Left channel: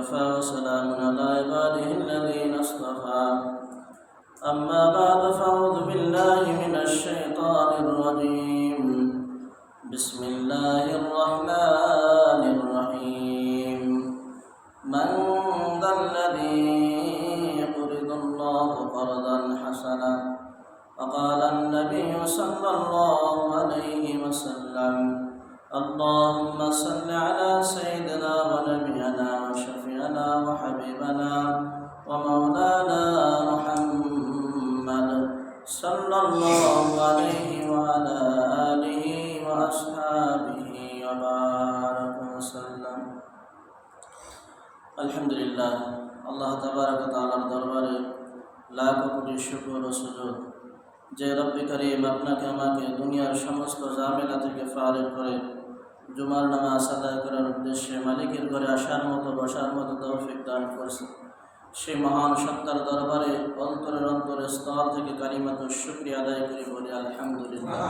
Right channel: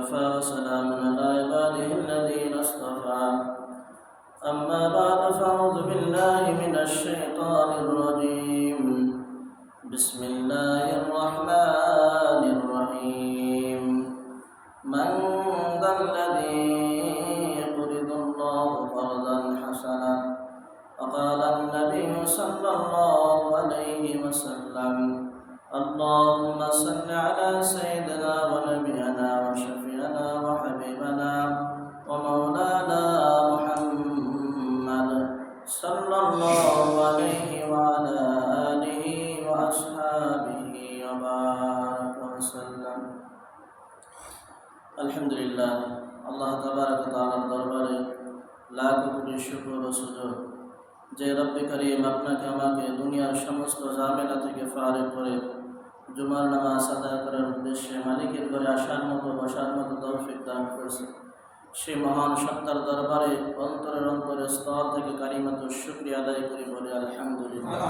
وكفى وسلام على عباده الذين اصطفى أما بعد فأعوذ بالله من الشيطان الرجيم بسم الله الرحمن الرحيم من ذا الذي يقرض الله قرضا حسنا وقال النبي صلى الله عليه وسلم اللهم صل على سيدنا ونبينا وشفيعنا وحبيبنا ومولانا محمد صلى الله عليه وعلى آله وأصحابه وبارك وسلم الحمد لله الله تبارك وتعالى দরবারে লাখ কোটি শুকর ও সুজুদ যে রব্বে করিম আপনাকে আমাকে দুনিয়ার সমস্ত ঝামেলা থেকে ফারেক করে জুমার নামাজ আদায় করার উদ্দেশ্যে মালিকের ঘরে আসার মতো বসার মতো তৌফিক দান করছে। সেই মহান সত্তার দরবারে অন্তরের স্তর থেকে কালিমাত শুকরিয়া আদায় করি বলে আলহামদুলিল্লাহ।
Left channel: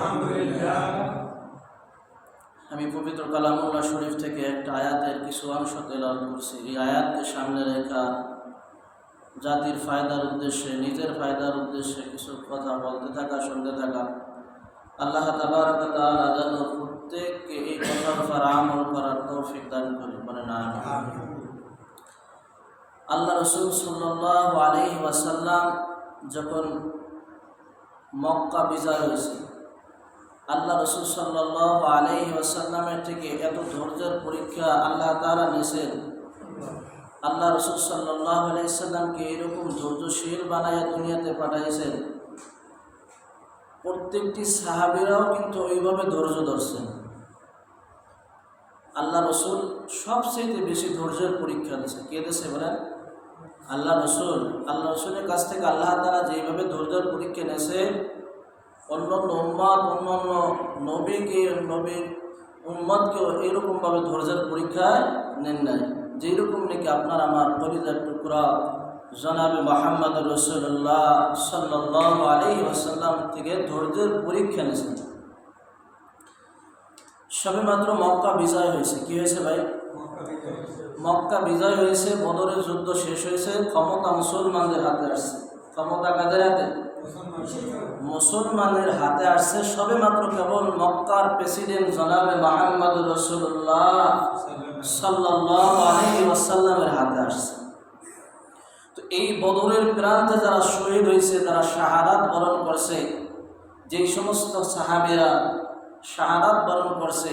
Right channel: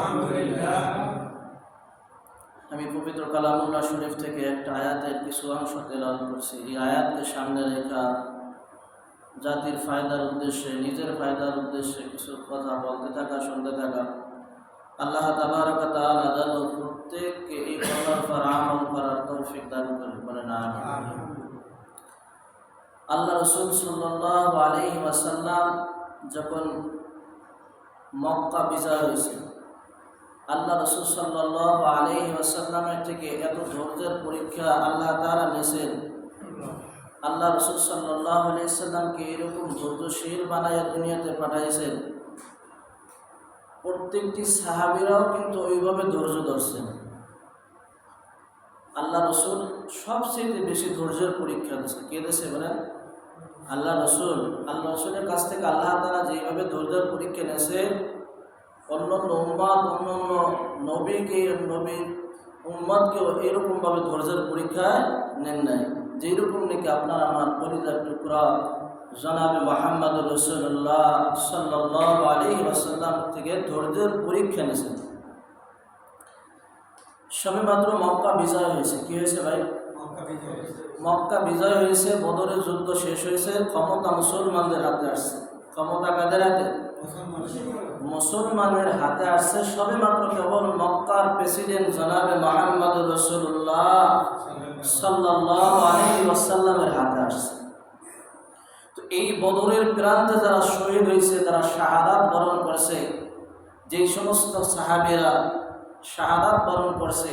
আমি পবিত্র কালামুল্লাহ শরীফ থেকে একটা আয়াতের কিছু অংশ তেলাওয়াত করছি। এই আয়াতকে সামনে রেখা জাতির ফায়দার উদ্দেশ্যে, নিজের ফায়দার উদ্দেশ্যে কিছু কথা বলতে থাকা, শুনতে থাকা। আল্লাহ তাবারক ওয়া তাআলা যেন প্রত্যেককে এই কথার উপর আমল করার তৌফিক দান করে, বলেন আমিন। আল্লাহ রাসূল সাল্লাল্লাহু আলাইহি ওয়াসাল্লাম যখন মক্কা বিজয় হয়েছে, আল্লাহ রাসূল সাল্লাল্লাহু আলাইহি ওয়াসাল্লামের থেকে এত ধৈর্যের পরীক্ষা আল্লাহ তাআলা নিয়েছেন। আল্লাহ রাসূল সাল্লাল্লাহু আলাইহি ওয়াসাল্লামকে এরকম ধৈর্যশীল বানায়া দুনিয়াতে পাঠাইছেন, প্রত্যেকটি সাহাবীরাও কিন্তু ওইভাবে ধৈর্য ধরছেন। আল্লাহ রাসূল সবচেয়ে বেশি ধৈর্যের পরীক্ষা দিয়েছে। কে দিয়েছে বলেন? আল্লাহ রাসূলের কাছ থেকে আল্লাহ তাআলা যেভাবে ধৈর্যের পরীক্ষা নিয়েছে, অন্যান্য উম্মত, অন্যান্য নবীর উম্মতকেও এরকমভাবে ধৈর্যের পরীক্ষায় নেন নাই। যেরকম নাকি আপনার আমার কলিজার টুকরা জনাবে মুহাম্মদ রাসূলুল্লাহ সাল্লাল্লাহু আলাইহি ওয়াসাল্লাম থেকে ধৈর্যের পরীক্ষা নিয়েছেন। সবেমাত্র মক্কা বিজয় হয়েছে। কি হয়েছে ভাই? মক্কা বিজয় হয়েছে, বদরের যুদ্ধ শেষ হয়েছে, ক্ষমতা মুসলমানদের হাতে আসছে। ক্ষমতা কাদের হাতে? মুসলমানের হাতে আসছে। সবেমাত্র কেবল মক্কার প্রেসিডেন্ট জনাবে মুহাম্মদ রাসূলুল্লাহ সাল্লাল্লাহু আলাইহি ওয়াসাল্লামের হাতে আসছে। তো এই বদরের প্রান্তে যারা শহীদ হয়েছে, যারা শাহাদাত বরণ করছে, যেই সমস্ত সাহাবীরা শাহাদাত বরণ করছে,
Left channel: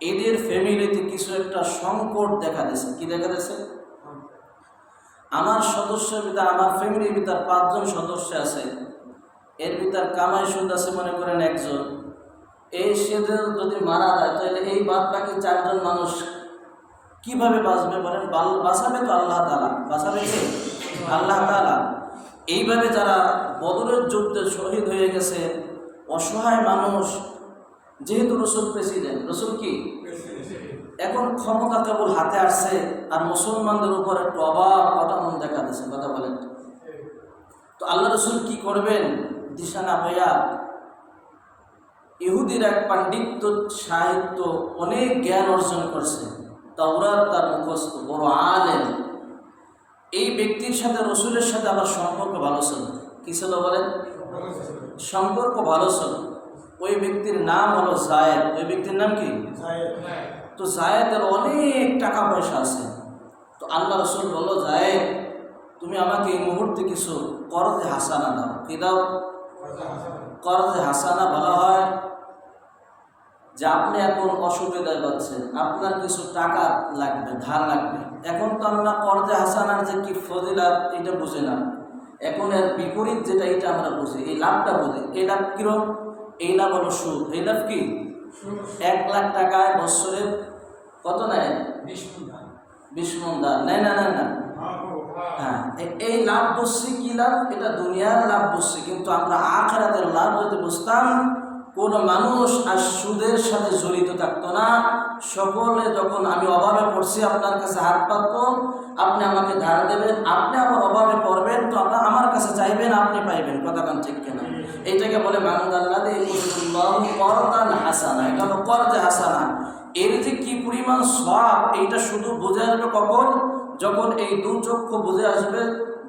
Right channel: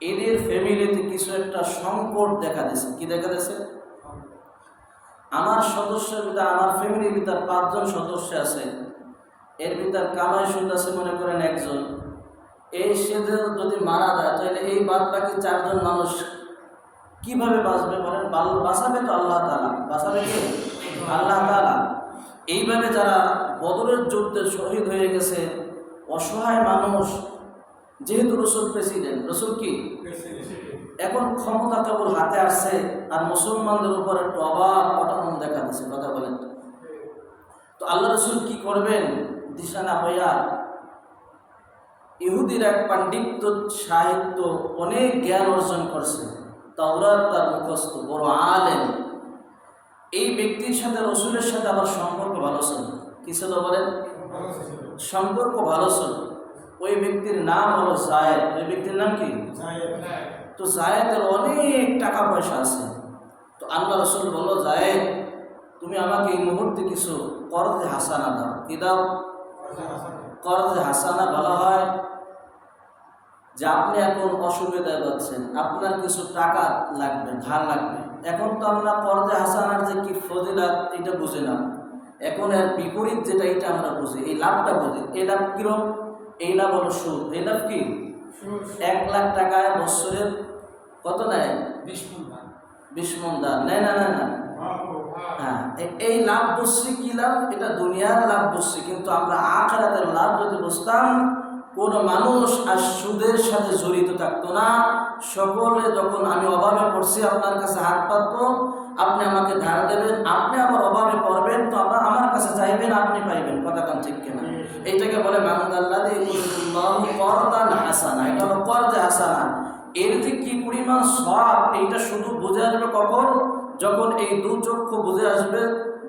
এদের ফ্যামিলিতে কিছু একটা সংকট দেখা দিয়েছে। কি দেখা দিয়েছে? আমার সদস্যের ভিতরে, আমার ফ্যামিলির ভিতরে 5 জন সদস্য আছে, এর ভিতর কামাই সুদ আছে মনে করেন একজন। এই সে যদি মারা যায় তাহলে এই বাদ বাকি 4 জন মানুষ কিভাবে বাঁচবে বলেন? বাঁচাবে তো আল্লাহ তাআলা। বাঁচাবে কে? আল্লাহ তাআলা। এইভাবে যারা বদরের যুদ্ধে শহীদ হয়ে গেছে, অসহায় মানুষ, যেহেতু রসুল প্রেসিডেন্ট, রসুল কি এখন ক্ষমতা কেবল হাতে আসছে, আর মুসলমানদের উপর একটু অভাব অটানন দেখা দিচ্ছে। কথা বলেন তো আল্লাহ রসুল কি করবেন দিশা না হইয়া, ইহুদির এক পাণ্ডিত্য, সাহিত্য, অনেক জ্ঞান অর্জন করছে, তাওরাত তার মুখস্থ, বড় আলেম। এই ব্যক্তির সাথে রসুলের সাথে আবার সম্পর্ক ভালো ছিল। কি ছিল বলেন? সম্পর্ক ভালো ছিল। ওই ব্যক্তির নাম হলো জায়েদ। ওই ব্যক্তির নাম কি? তো জায়েদের অনেক টাকা পয়সা আছে। তো আল্লাহ রসুল বলল, জায়েদ তুমি আমাকে এই মুহূর্তে কিছু করজে হাসানা দাও। কি দাও? করজে হাসানা বলা হয় যে আপনি এখন অসুবিধায় পাচ্ছেন, আপনার কিছু টাকা লাগবে, ধার লাগবে। এখন তো আমরা করজে হাসানার যে কি ফজিলাত এটা বুঝি না, এখন এর বিপরীত যেটা এটা আমরা বুঝি, এই লাভটা বুঝি। এই লাভ কিরম? এই লাভ হলো সুদ। এই লাভ কি? 1 লাখ টাকায় বছরে কত নেয়? 20 মণ ধার নেয় না? হ্যাঁ, এই লাভ বুঝছি। কি লাভ? এটা দুনিয়ার লাভ বুঝছি, কিন্তু আমরা আখিরাতের লাভ যদি বুঝতাম, কোন মানুষ আর সুদের সাথে জড়িত থাকতো না। সকলে যখন আমি অভাবে পড়ছি আপনার কাছে হাত পাতবো, আপনি আমাকে ধার দেবেন, আপনি আমার অভাবে পড়বেন তো আমার কাছে চাইবেন, আপনি পাইবেন। কথা কান ঠিক কিনা? এইটাকে বলে মানদাল্লাযী ইউরিদুল্লাহু করদান হাসানা। এটা হলো করজে হাসানা। এর যে কি পরিমাণ সওয়াব এইটা শুধু বুঝে আসবে কখন, যখন এই দু চক্ষু বুঝে আসবে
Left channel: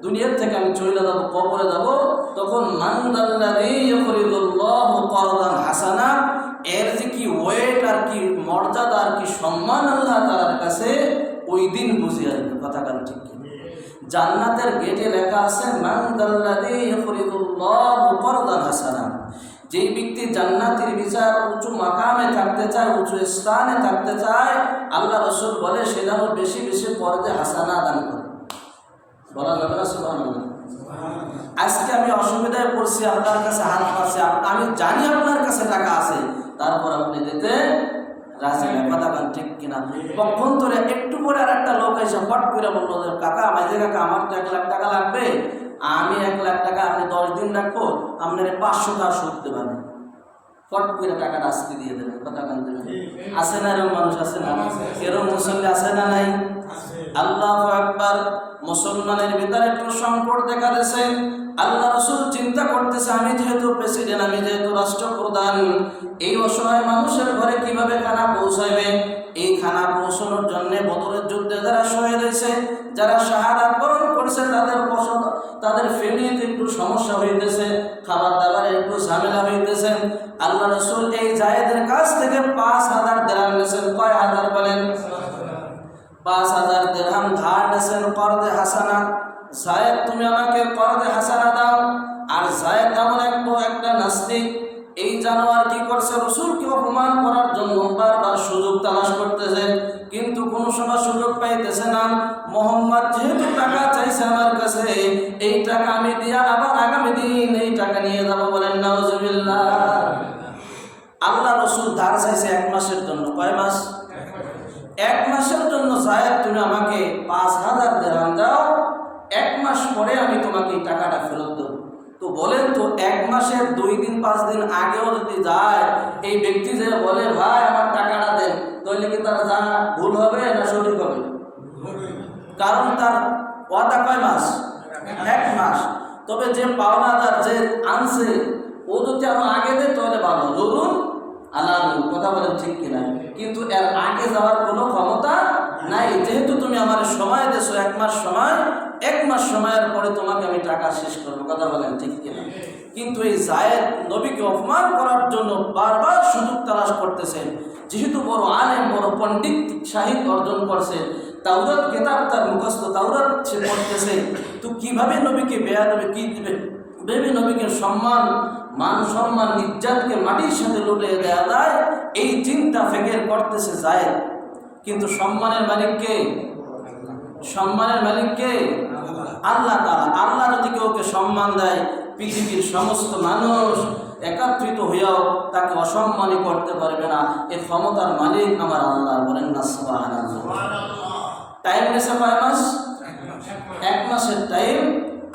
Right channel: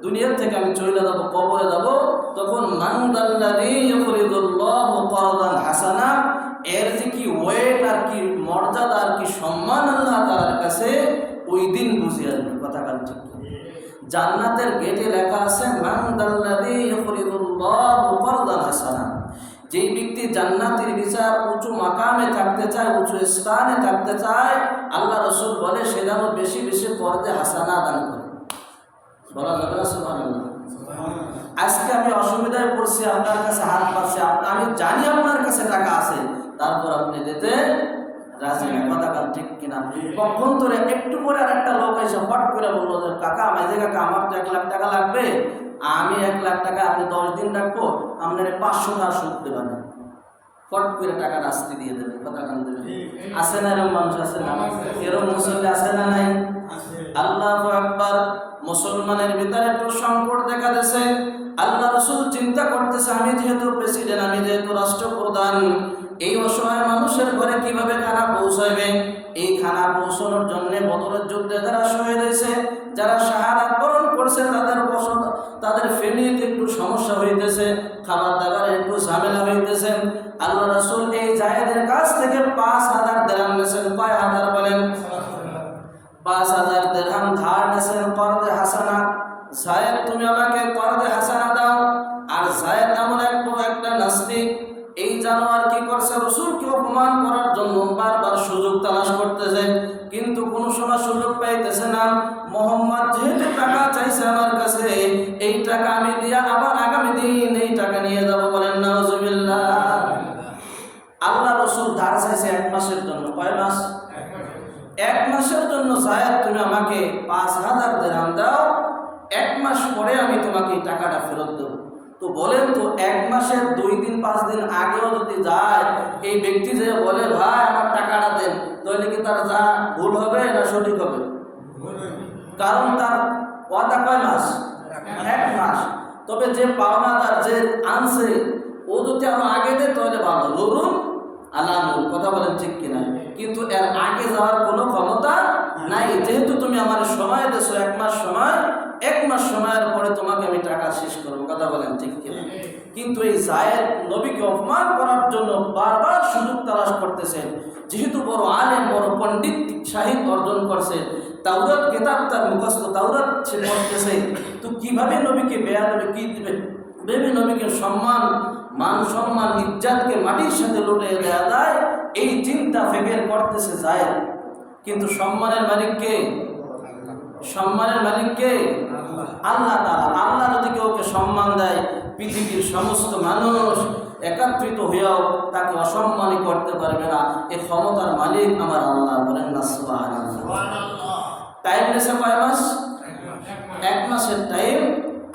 দুনিয়ার থেকে আমি চলে যাব, কবরে যাব, তখন মান দাল্লাযী ইউকরিদুল্লাহু করদান হাসানা, এর যে কি ওয়েট আর কি মর্যাদা আর কি সম্মান আল্লাহ তাআলার কাছে ওই দিন বুঝে আসবে। কথা কান ঠিক কি? জান্নাতের গেটে লেখা আছে মান দাল্লাযী ইউকরিদুল্লাহু করদান হাসানা, যেই ব্যক্তি জান্নাতের বিচার উঁচু মাকামে থাকতে চায়, উঁচু স্থানে থাকতে চায়, আল্লাহ রাসূল বলে সে যেন বেশি বেশি করদে হাসানা দান করে। বলা যাবে না সুবহানাল্লাহ? আজকে আমি অসুবিধায় পড়ছি, আপনার কাছে হাত পাচ্ছি, আমি জানি আপনার কাছে টাকা আছে, তারপর আপনি দিতে রাজি না। কথা কান ঠিক কিনা? পক্ষান্তরে একটু পরে আর একটা লোক এসে ফট করে বললো যে কাকা মাইজে কাকা আমার তো 1 লাখ টাকা লাগবে, আমি 1 লাখ টাকা আপনি 10 দিন রাখবো, আপনার 500 টাকা সুদ দেবেন, ফট করে টাকাটা আজকে দিয়ে দেবেন। কথা কান দেবেন? আছে না এরকম মানুষ? আছে না এরকম মুসল্লি? আছে না নাই? আল্লাহু আকবার। মুসলমানের ভিতরে একটু সংকট দেখা দিয়েছে। আল্লাহ রাসূল চিন্তা করতেছে আমি যেহেতু প্রেসিডেন্ট, আমি যেহেতু রাষ্ট্রপ্রধান, এই অসহায় মানুষের ঘরে কিভাবে খানা পৌঁছাবে? এই খানা পৌঁছানোর জন্য বদরের যুদ্ধে যারা শহীদ হয়েছে, যারা শাহাদাত বরণ করছে, তাদের ফ্যামিলিতে একটু সমস্যা হইতেছে, খাবার দাবারে একটু ঝামেলা হইতেছে। আল্লাহ রাসূল এই জায়েদের কাছ থেকে 5000 দিরহাম নিয়েছেন। কয় হাজার বলেন? 5000 দিরহাম ধার নিয়েছেন করদে হাসানা। জায়েদ তুমি আমাকে করদে হাসানা দাও। আর জায়েদ এমন একটা নাস্তিক, এই জানোয়ার কি করছে? রাসূলকে অপমান করার জন্য বারবার সুযোগ তালাশ করতেছে, কিন্তু কোনো সময় সুযোগ পাইতেছে না। মোহাম্মদ যেহেতু টাকা চাইছে আমার কাছে, এই টাকা আমি দিয়া আবার আগামী দিন এই টাকা নিয়ে যাব। বলেন নাউজুবিল্লাহ। আল্লাহ রাসূল ধার চাইছে 1 মাসের জন্য। কয় মাস? 1 মাসের জন্য। জায়েদ তুমি আমাকে 5000 দিরহাম দাও, 1 মাস পরে আমি তোমাকে এই টাকাটা ফেরত দেব। তো বলেন তো 1 মাসের 2 দিন 5 দিন আগেও যদি যায়, এই ব্যক্তি যে বলে ভাই আমার টাকাটা দেন, তাহলে কি তার যা ভুল হবে না সঠিক হবে? কারণ তার ওয়াদা কয় মাস? 1 মাস। তবে যে পাওনাদার যে আনছে ও যদি আরো আগে দেয় তাহলে ভালো, ধরুন আলানুল। কথা বলেন ঠিক কিনা? কিন্তু এর আগে যাওয়ার কোনো ক্ষমতা নাই। যেহেতু তুমি আমার সময় দেছো 1 মাস সময়, 1 মাস সময়ের পরে তোমাকে আমি টাকা শেষ করবো। কথা বলেন ঠিক কিনা? কিন্তু এই জায়েদ নবীকে অপমান করার জন্য বারবার সুযোগ তালাশ করতেছেন। যেহেতু বড় আলেম, বড় পণ্ডিত, সাহিত্য অর্জন করছে, তাওরাত কিতাব তার মুখস্থ, তাওরাত সে পড়তেছে, তো কিভাবে নবীকে বেয়াদবি কি দিবে? বেবি নবীকে সম্মান, মান সম্মান, ইজ্জতকে মাটির সাথে লুটিয়ে দেওয়া যায়, এই চিন্তা ফিকির করতেছে জায়েদ। কিন্তু সম্মানের মালিক কে? সম্মানের মালিক কে? আল্লাহ তাআলা। আল্লাহ যদি কেউকে সম্মান দেয়, পৃথিবীর সমস্ত মানুষ একত্রিত হইয়াও তাকে অসম্মানই করতে পারবে না। এই ক্ষমতার মালিক আমার আল্লাহ। বলেন না সুবহানাল্লাহ। টাইম নিয়েছে কয় মাস? 1 মাসের টাইম।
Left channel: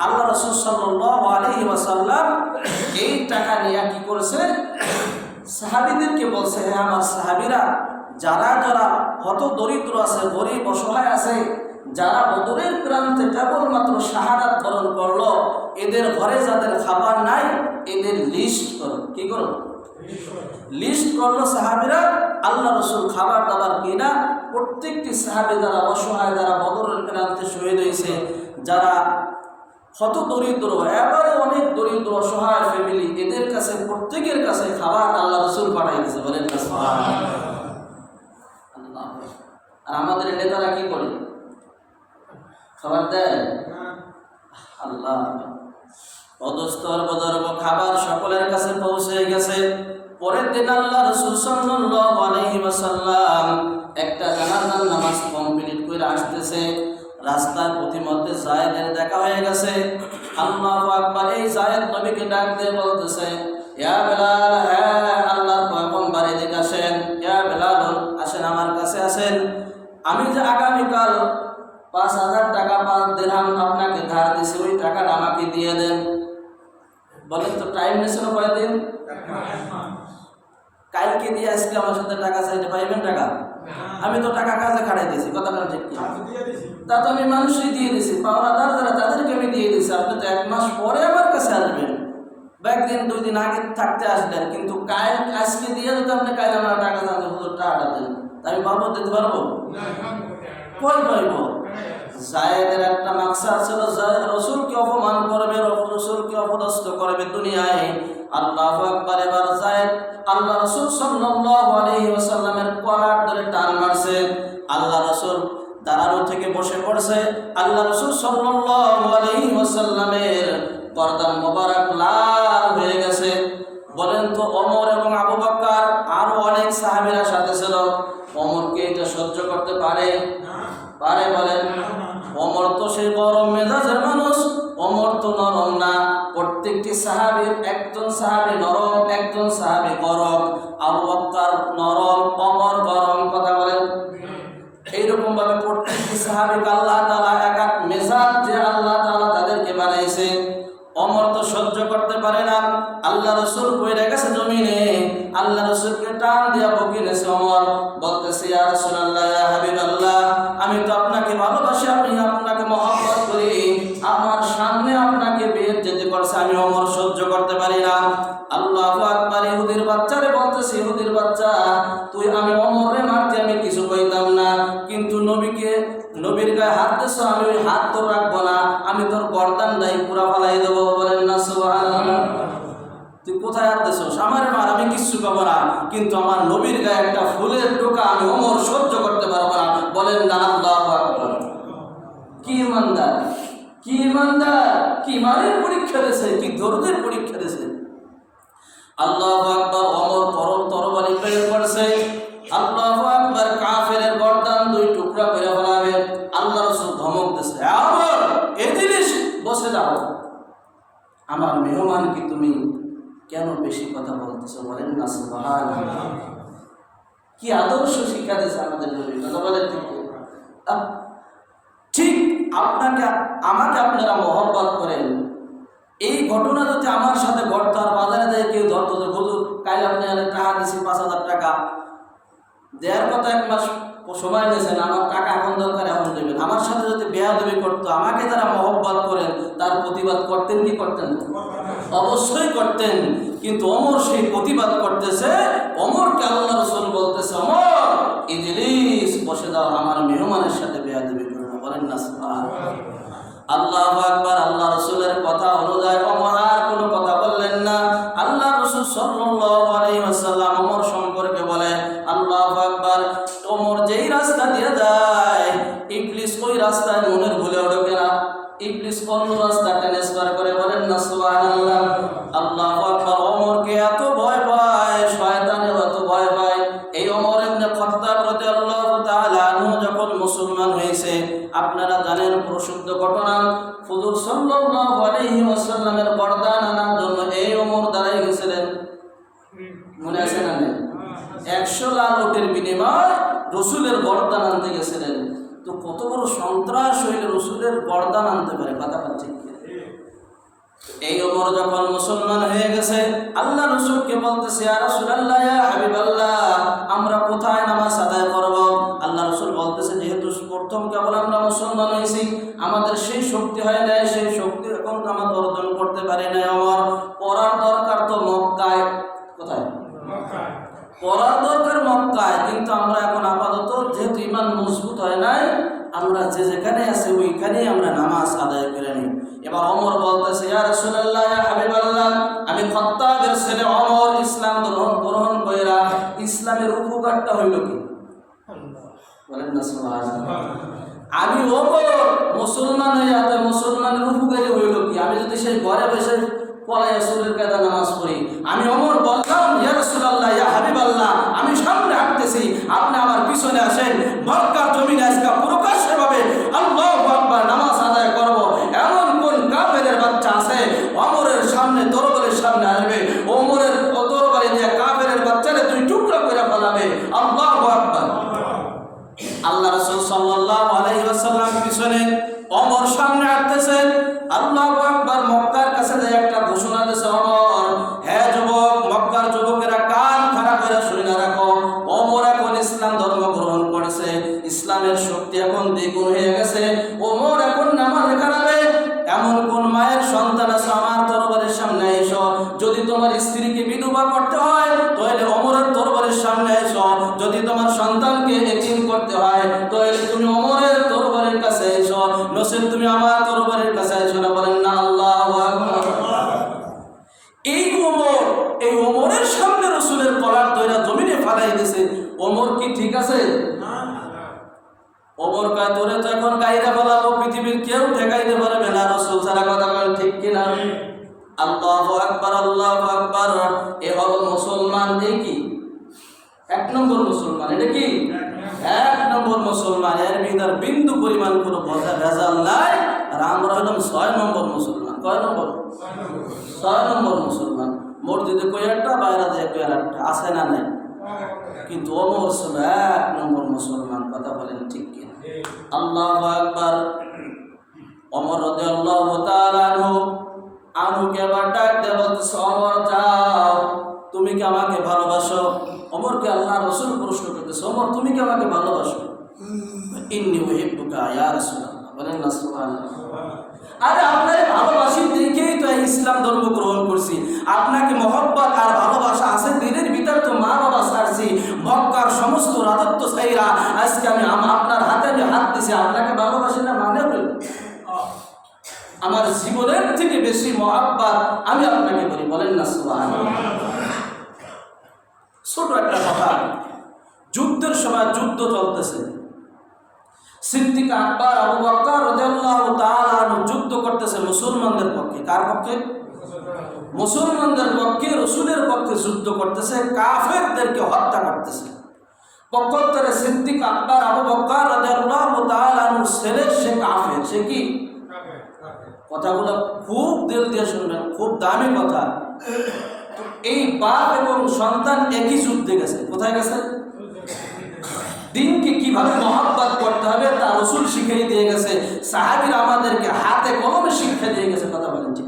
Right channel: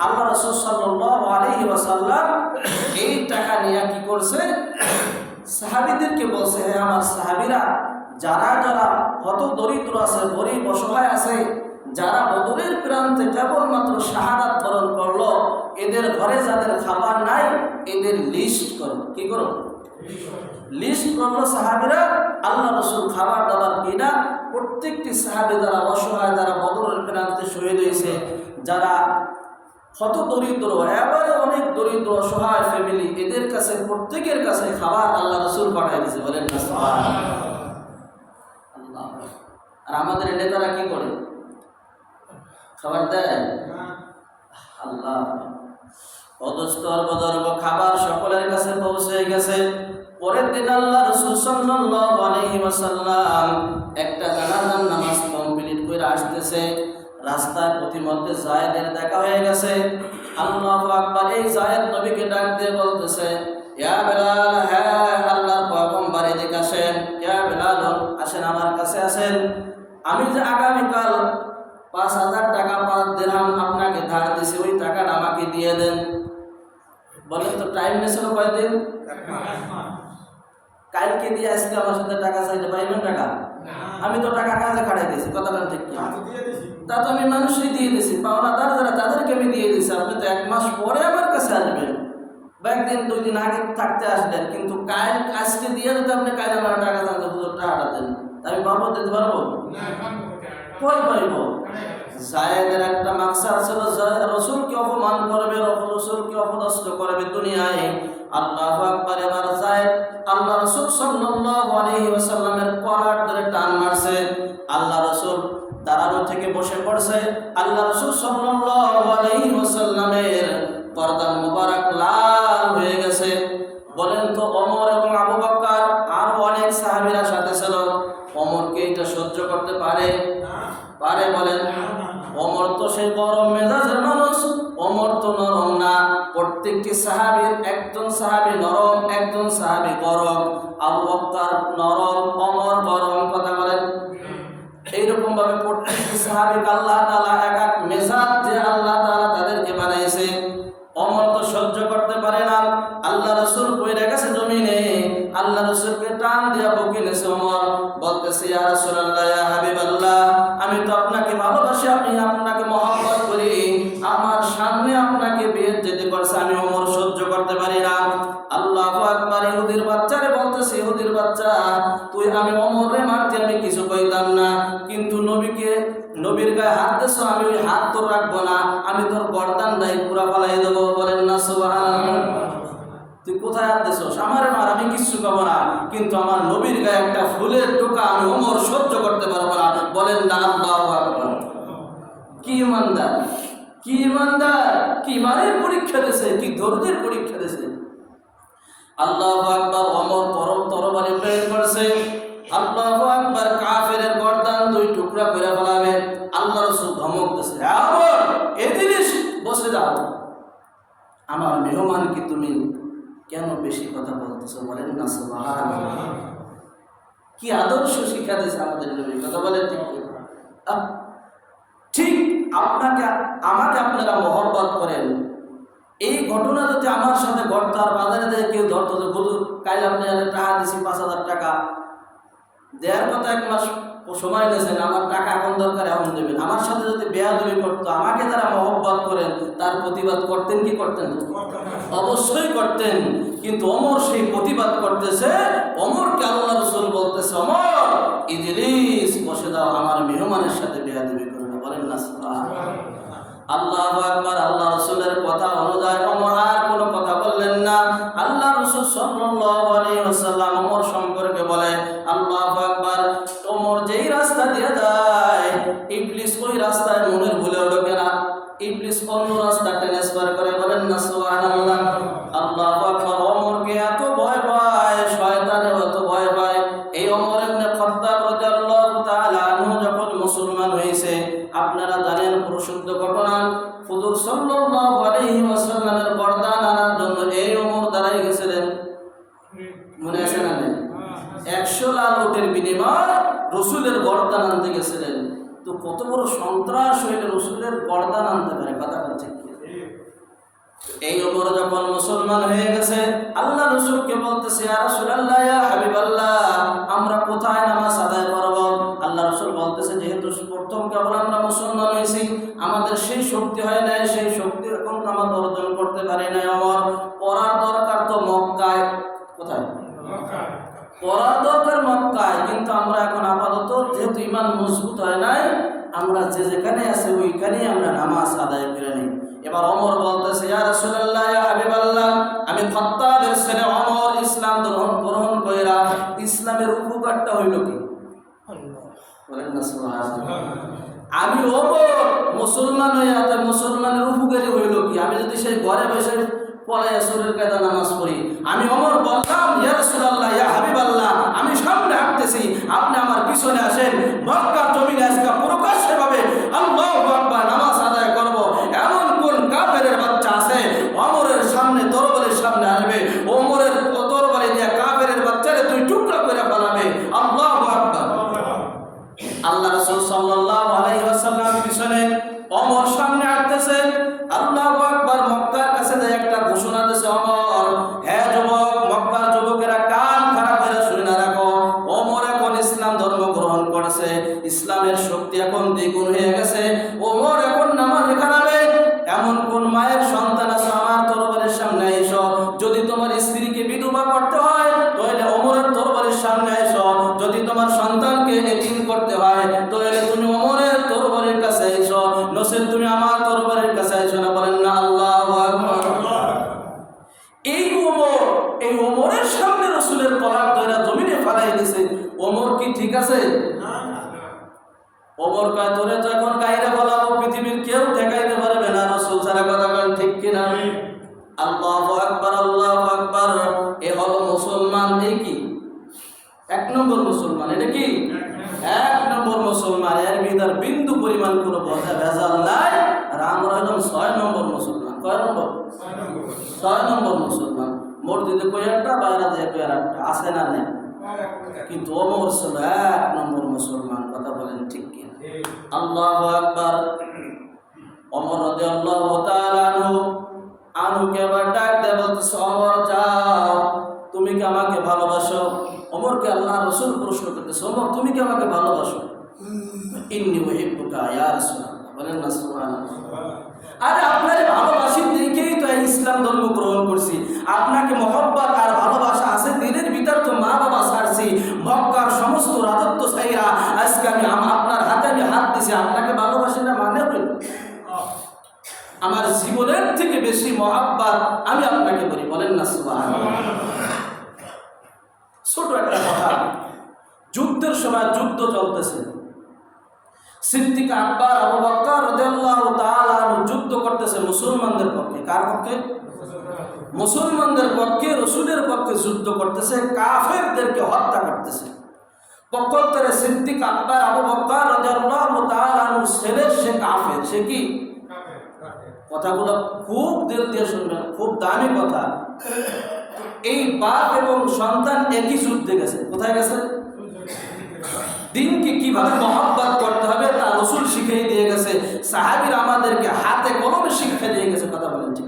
আল্লাহ রাসূল সাল্লাল্লাহু আলাইহি ওয়াসাল্লাম এই টাকা নিয়ে কি করছে? সাহাবীদেরকে বলছে, হে আমার সাহাবীরা, যারা যারা হত দরিদ্র আছে, গরিব অসহায় আছে, যারা বদরের প্রান্তে কেবলমাত্র শাহাদাত বরণ করলো, এদের ঘরে যাদের খাবার নাই এদের লিস্ট করো। কি করো? লিস্ট করলো সাহাবীরা। আল্লাহ রাসূল খাবার দাবার কিনা প্রত্যেকটি সাহাবী যারা অসহায়, যারা বদরের প্রান্তে শহীদ হয়েছে, যারা হত দরিদ্র, এবারে অনেক দরিদ্র অসহায় ফ্যামিলি, এদের কাছে প্রত্যেকের কাছে খাবার আল্লাহ রাসূল পাঠিয়ে দিয়েছে। বলেন না সুবহানাল্লাহ। আল্লাহ। আর আমাদের নেতারা কি করে? খাবার দেয়? আল্লাহ। অদস্তর বদরব খাবার সকলের কাছে পৌঁছে গেছে। পরের দিন আল্লাহ রাসূল সাল্লাল্লাহু আলাইহি ওয়াসাল্লাম একটা জানাজার নামাজ কমপ্লিট করে আসতেছে। রাস্তার পথিমধ্যে জায়েদের দেখা হয়ে গেছে। আল্লাহু আকবার। এই জায়েদ নবীকে ডাক দিয়ে বলতেছে, ইয়া বেলাল, হ্যাঁ আল্লাহর পয়গম্বর এদিকে আসেন। ইয়া বেলাল, আসেন আমার কাছে আসেন। আমি যে আগামীকাল 5000 টাকা 5 দিরহাম আপনাকে ধার দিয়েছি, ওই টাকাটা আমাকে দিয়ে দেন। বলেন তো টাইম নিয়েছিল কয়দিন? কালকে দিয়ে আজকে আমার সাথে টাকা চাইতে পাইবেন টাকা? আমি তো টাকা কাজে খাটাই দিয়েছি। কথা বলেন ঠিক কি? তা তো আমি মানুষই দিয়ে দিয়েছি, পাওনাদার যারা তাদেরকে আমি দিয়ে দিয়েছি। আপনি তো 1 মাস পরে আমার কাছে আসবেন, বা 1 দিন 2 দিন আগে থাকতে আসলেন, কিন্তু আজকে দিয়ে যদি আপনি কাজ আমার টাকা চান, হুজুর টাকাটা দেন, আমি বাবা দিতে পারবো? কই পাইব? জায়েদের একটা মাকসাদ ছিল, রসুলকে অপমান করবে, রসুলকে অপদস্থ করবে দুনিয়ায়। আল্লাহু আকবার। এবার জায়েদ আল্লাহ রসুল সাল্লাল্লাহু আলাইহি ওয়াসাল্লামের কলার ধরে টান মারছে। আল্লাহ রসুল দাঁড়ানো থেকে বসে পড়ছে। আল্লাহ রসুল সাল্লাল্লাহু আলাইহি ওয়াসাল্লামের গর্দান মোবারক লাল হয়ে গেছে। বলেন তো, ওমর এবং আবু বকর আরো অনেক সাহাবীরা সাথে ছিল, ওমরকে এটা সহ্য করতে পারে? বলেন? ওমর তো সেই গরম মেজাজের মানুষ, ওমর তো নরম না। প্রত্যেকটি সাহাবীর, একজন সাহাবী নরম, একজন সাহাবী গরম। আবু বকর নরম, ওমর গরম। কথা বলেন? এইরকম ভাবে প্রত্যেকটি সাহাবীকে আল্লাহ তাআলা এক এক মেজাজ যে আল্লাহ তাআলা তাদেরকে বানাইছে। ওমর তো সহ্য করতে পারে না। আল্লাহ রসুল পড়ে গেছে জমিনে, আল্লাহ রসুলকে টান দিয়া বকে নেছে। ওমর বলতেছে, ইয়া রাসূলুল্লাহ, ইয়া হাবিবাল্লাহ, আমি তো আপনাকে ভালোবাসি, আমি আপনাকে মহব্বত করি, আমার সামনে আপনাকে বেইজ্জতি করছে, আমি ওমর সহ্য করতে পারি না। আল্লাহু আকবার। ইহুদির বাচ্চারে বলতেছে, ইহুদির বাচ্চা, তুই আমি ওমরে মারতে আমি কিছু কইতাম না, কিন্তু নবীর গায়ে হাত দিছো, আমি ওই হাত তোর রাখবো না, আমি তোর গর্দানটাই পুরা ফালাই দেবো। বলেন না সুবহানাল্লাহ? তুই কোথায় হাত দিছো? আমারে মার, আমি কিচ্ছু পাবো না, কিন্তু আমার নবীর গায়ে একটা ফুলের টোকা আমি ওমর সহ্য করতে পারবো না। বলেন না আল্লাহু আকবার। কি ইমানদার, কি ইমানদার, কি ইমানের পরীক্ষা দিয়েছে, কি ধৈর্যের পরীক্ষা দিয়েছে। আল্লাহু আকবার। ওমর তরবারি বের করছে। আল্লাহু আকবার। কাফেরের গর্দান দুই টুকরা করে ফেলাবে। আল্লাহ রাসূল ধমক দিয়েছে, ওমর এদিলিস, বসে যাও, আমার মেহমান কি তুমি কেন বেশি কথা বলতেছো? বলেন না সুবহানাল্লাহ। কি আদর্শ শিক্ষা দিয়েছে আমাদের নবী। কথা বলেন ঠিক? আমাকে আপনারা মহব্বত করেন, এই ঘটনা যদি আমার সাথে ঘটতো, আর বাজারে দিয়ে কেউ ধরতো যে হুজুর কাল আপনি টাকা দিয়েছি 5,000 টাকা দেওয়ার কথা, 1 মাস সময় নিয়েছেন, আমার টাকা এখন দরকার, এখন দেবেন, আমার সাথে যদি বেয়াদবি করতো, আমাকে তারা মহব্বত করেন, তার প্রতিবাদ করতেন কি করতেন? অবশ্যই করতেন। কিন্তু ওমর সেই প্রতিবাদ করতেছে। ওমরকে আল্লাহ রাসূল বলতেছে, ওমর ইজলিস, বসে দাও, আমার মেহমানের সাথে বেয়াদবি করো না। বলেন না সুবহানাল্লাহ। আল্লাহু আকবার। আল্লাহ রাসূলের কথা অনুযায়ী ওমর আর কোনো কথা বললেন না। আল্লাহ রাসূল সাল্লাল্লাহু আলাইহি ওয়াসাল্লাম ওমর সম্পর্কে বলে, আল্লাহু আকবার, ওমর যেই রাস্তা দিয়ে যায়, ইবলিস ওই রাস্তায় মনের ভুলেও ঢোকে না, ইবলিস অন্য রাস্তা ট্রান্সফার করে। বলেন না সুবহানাল্লাহ। আল্লাহু আকবার। ওমরকে এত ভয় পায়, শয়তানেও এত ভয় পায়। এই ওমর ইবনে খাত্তাব রাদিয়াল্লাহু তাআলা আনহু যখন মুসলমান হয়েছে, আপনারা জানেন প্রসিদ্ধ ঘটনা, হুজুর সাল্লাল্লাহু আলাইহি ওয়াসাল্লামের বরদান আনার জন্য এই ওমর দাঁড়াই গেছিলেন। মনে আছে না? 100 লাল উটের বিনিময়ে রসুলের বরদান আনতে গেছিলেন। তো কত বড় সন্ত্রাস হইলে রসুলের বরদান আনতে পারে? কথা বলছে কি? এই ওমর যখন মুসলমান হয়ে গেছে, আল্লাহ রসুলকে বলতেছে, ইয়া রাসূলুল্লাহ, ইয়া হাবিবাল্লাহ, আমরা কোথায় নামাজ আদায় করব? আল্লাহ রসুল বলতেছে, যেহেতু প্রথম কেবল আমরা মুসলমান হয়েছি, আমাদের সেই শক্তি হয় নাই, সেই শক্তি এখন আমরা অর্জন করতে পারি নাই। ওমর, পড়ার দরকার তো মক্কায়। কোথায়? পড়ার দরকার মক্কায়, কিন্তু আমরা এখন আপাতত যেহেতু ঈমান মজবুত হয় নাই, আমরা যে যেখানে আছে ওইখানেই আমরা নামাজ আদায় করে নিই। এবার ওমর বলতেছে, ইয়া রাসূলুল্লাহ, ইয়া হাবিবাল্লাহ, আমি খাত্তাবের ছেলে ওমর ইসলাম গ্রহণ কইরা ইসলামের উপকারটা হইল কি? বলেন না সুবহানাল্লাহ। আমি ওমর মুসলমান হইয়া তো মুসলমানের উপকারী হইল কি? আমি যদি সেই ঘরে বসে পলায়া সুরের কায়দা নামাজ পড়ি, আমি ওমর বললাম, ইয়া রাসূলুল্লাহ, ইয়া হাবিবাল্লাহ, আমি সামনে হাঁটতেছি, আপনি আমার পিছনে আসেন, মক্কার জমিনে আজকে প্রকাশ্যভাবে আল্লাহু আকবার নামাজ আদায় করব, এমন কোন কাফেরের বাচ্চা আছে ওমরের সামনে তরবারির সামনে আসবে, ওমরের তরবারি দিয়ে কাফেরের বাচ্চারে দুই টুকরা করে ফেলাবে। আল্লাহু আকবার। আল্লাহ রাসূল সাল্লাল্লাহু আলাইহি ওয়াসাল্লাম পিছনে, ওমর সামনে হাঁটতেছে। আল্লাহু আকবার। মক্কার কাছে যে একটা ঘোষণা দিয়েছে ওমর, হে যুবক, মক্কার যুবকেরা কান খাড়া করে শুনে রাখো, ওমর এখন ইসলাম ধর্ম গ্রহণ করেছে, ইসলামের শক্তি এখন দ্বিগুণ হয়ে গেছে, ওমর এখন নামাজ খানাবে। এমন কোন মায়ের সন্তান আছে আমার তরবারের সামনে এসো, যদি তোমার স্ত্রীকে বিধবা করতে হয় তাহলে ওমরের তরবারের সামনে এসো, যদি তোমার সন্তানকে নসেন তুমি আমার তরবারির কাছে আইছো না, বলেন না আল্লাহু আকবার। এই ওমরের সামনে রাসূলের কলার ধরে জমিনে ফালাই দিয়েছে। ওমর কি ঠিক আছে? ওমর কয় তোরে তো এখন গাইরা ফেলাবো, পৃথিবীর কেউ ঠেকাইতে পারবে না। রাসূল সারা কথা বলেন ঠিক কিনা? আল্লাহু আকবার, আল্লাহু আকবার। এ হলো মুসলমান। এই কি এক নম্বর মুসলমান? এটা কি এক নম্বর মুসলমান। এর ভিতর বিন্দু পরিমাণ কোনো ভেজাল নাই। আর আমরা হলাম 6 নম্বর মুসলমান। কয় নম্বর? 6 নম্বর মুসলমান। মসজিদে কই একটা, বাইরে যায় কই একটা, আছে না নাই? কিন্তু ওমর ছিল 1 নম্বর মুসলমান। কথা বলেন ঠিক কিনা? আল্লাহু আকবার। ওমর রাদিয়াল্লাহু তাআলা আনহুকে আবার ডাক দিয়ে বলতেছে, ওমর যাও, তুমি কি আমাকে ভালোবাসো? ওমরকে আল্লাহ রাসূল প্রশ্ন করতেছে, ওমর তুমি কি আমাকে ভালোবাসো? ইন্নী উহিব্বুকা ইয়া রাসূলুল্লাহ। বলেন না সুবহানাল্লাহ। আরে আপনারে ভালোবাসি দেখেই তো ইসলাম ধর্ম গ্রহণ করছি। আপনাকে মহব্বত আর ভালোবাসা আছে দিনের ভিতর, তো মা বাবা ছাড়ছি, মক্কার সমস্ত রাজত্ব ছাইরা আজকে আমি আপনার হাতে আমি হাত দিছি, আপনাকে ভালোবাসি না মানে হইল? আমার জীবনের থেকে বেশি মহব্বত আমি আপনাকে বলি। বলেন না সুবহানাল্লাহ। ছোট একটা কথা, যুদ্ধের সময় যুদ্ধ চলতেছে, সিদ্দিক আকবর আবু বকর রাদিয়াল্লাহু তাআলা আনহু যুদ্ধ করতেছে মুসলমানদের পক্ষে। কার পক্ষে? মুসলমানদের পক্ষে, রাসূলের পক্ষে যুদ্ধ করতেছে, কাফেরদেরকে হত্যা করতেছে। পক্ষান্তরে সিদ্দিক আকবর আবু বকর রাদিয়াল্লাহু তাআলা আনহু ছেলে, সে কাফের। সে কি? কথাগুলো খুব দিল দিয়ে শুনবেন, খুব দামি কথা। এই বাপ এবং সন্তান একই যুদ্ধে গেছে। কোথায় গেছে? দিনকে কিভাবে মহব্বত করতে হবে তা রাসূল শিখিয়ে দিয়ে গেছে। সাহাবীরা আমাদেরকে হাতে কলমে শিক্ষা দিয়ে গেছে। কথা বলেন ঠিক?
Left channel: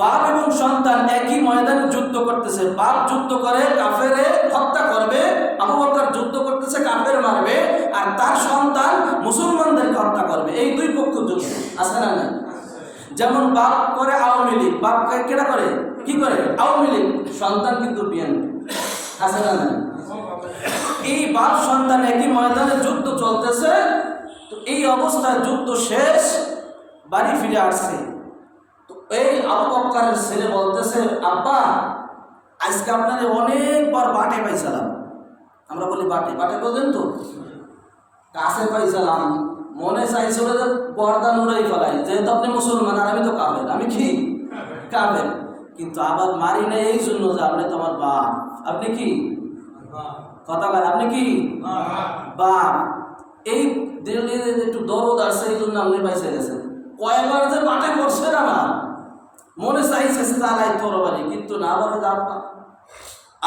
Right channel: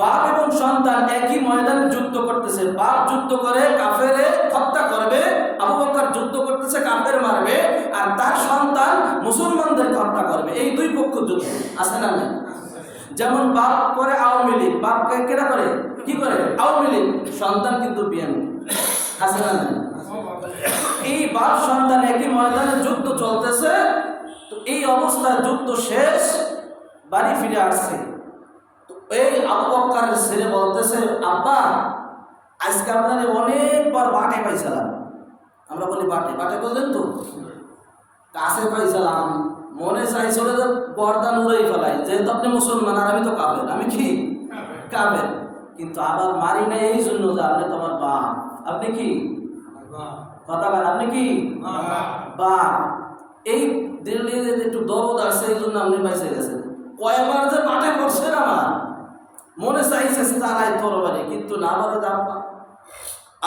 বাপ এবং সন্তান একই ময়দানে যুদ্ধ করতেছে। বাপ যুদ্ধ করে কাফেরে হত্যা করবে, আবু বকর যুদ্ধ করতেছে কাফের মারবে, আর তার সন্তান মুসলমানদেরকে হত্যা করবে। এই দুই পক্ষ যুদ্ধ আছে না না? যেমন বাপ করে আওয়ামী লীগ, বাপ কেনা করে কি করে? আওয়ামী লীগ। সন্তান কিন্তু বিএনপি। আছে না না? এই বাপ সন্তান একই ময়দানে যুদ্ধ চলতেছে। তো এই অবস্থায় যুদ্ধ শেষ, বাড়ি ফিরে আসছে। তো এই আবু বকরের ছেলে বলতেছে, আব্বা আজকে আপনার অনেকবার বাটে পাইছিলাম। আমরা বলি বাটে, বাটে বোঝেন তো? কাছে পাইছিলাম, মনে চাইছিল যে গর্দান উড়াই ফেলাই, যেহেতু আপনি মুসলমান আর আমি তো কাফের। আমি কি কাফের? কিন্তু আবার মারি না এই জন্য যে আপনি তোমার বাপ। আপনি কি কথা বলেন? আপনি কি বাপ? এই দিল্লির একটু দরদ আসছে, এই জন্য আপনি পাইছে গেছেন। কয়বার যে বাটে করছেন, আমার মনে চাইছে তালাই তরবারি, কিন্তু না বলে আব্বা।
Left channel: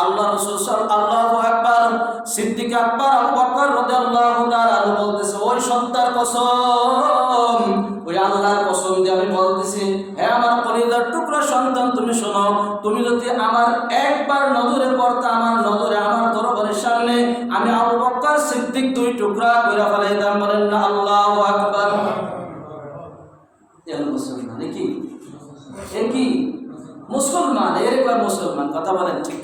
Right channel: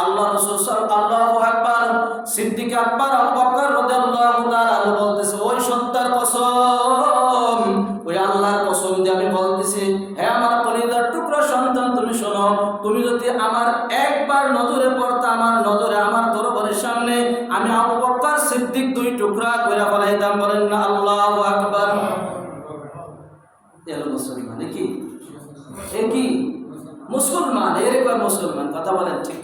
আল্লাহ রাসূল আল্লাহু আকবার। সিদ্দিক আকবর আবু বকর রাদিয়াল্লাহু তাআলা বলতেছে, ওই সত্তার কসম, ওই আল্লাহর কসম যে আমি বলতেছি, হে আমার কলিজার টুকরা সন্তান, তুমি শোনো, তুমি যদি আমার একবার নজরে পড়তা, আমার নজরে আমার দরবারের সামনে আমি আবু বকর সিদ্দিক দুই টুকরা কইরা ফেলাইতাম। বলেন না আল্লাহু আকবার। এর মুসলমান কি? এ কি মুসলমান? এর কয় মুসলমান। কথা বলেন ঠিক?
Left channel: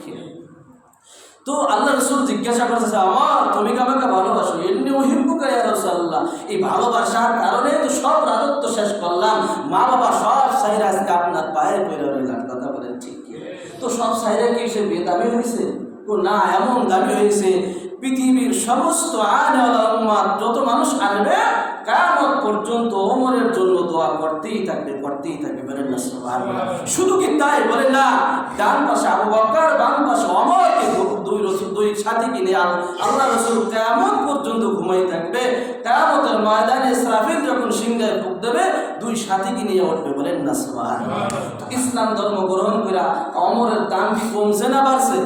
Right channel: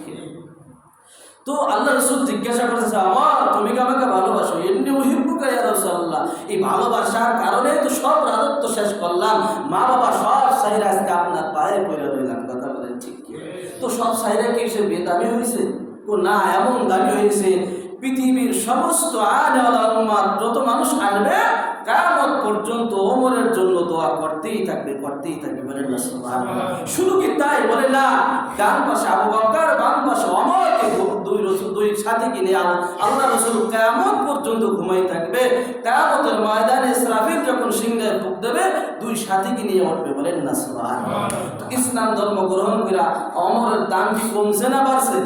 তো আল্লাহ রাসূল জিজ্ঞাসা করতেছে, আমার তুমি কি আমাকে ভালোবাসো? ইন্নী উহিব্বুকা ইয়া রাসূলুল্লাহ। এই ভালোবাসার কারণে তো সব রাজত্ব শেষ করলাম, মা বাবা সব সাইরা আজকে আপনার পায়ে পড়ে রইলাম। কথা বলেন ঠিক কি? তো সব সাইরা কি সে বেদামি হয়েছে? ও না, এমন দামি হয়েছে পৃথিবীর সমস্ত আনেওয়ালা উম্মাত যত মানুষ আসবে কিয়ামত পর্যন্ত ওমরের জন্য দোয়া করতেই থাকবে, করতেই থাকবে। বলেন না সুবহানাল্লাহ। শুধু কি তাই? বলে না, ডান পাশে আবু বকর, বাম পাশে ওমরকে দুই সাথীকে নিয়ে আল্লাহ রাসূল কিয়ামত পর্যন্ত ঘুমাই থাকবে। কিয়ামতের ময়দানে ইসরাফিল যখন সিংহায় ফুঁক দেবে, দুই সাথীকে নিয়ে উঠবে। বলেন না সুবহানাল্লাহ। তো ইসলাম ধর্ম গ্রহণ করে ওমরের দাম কি কমছে না বাড়ছে?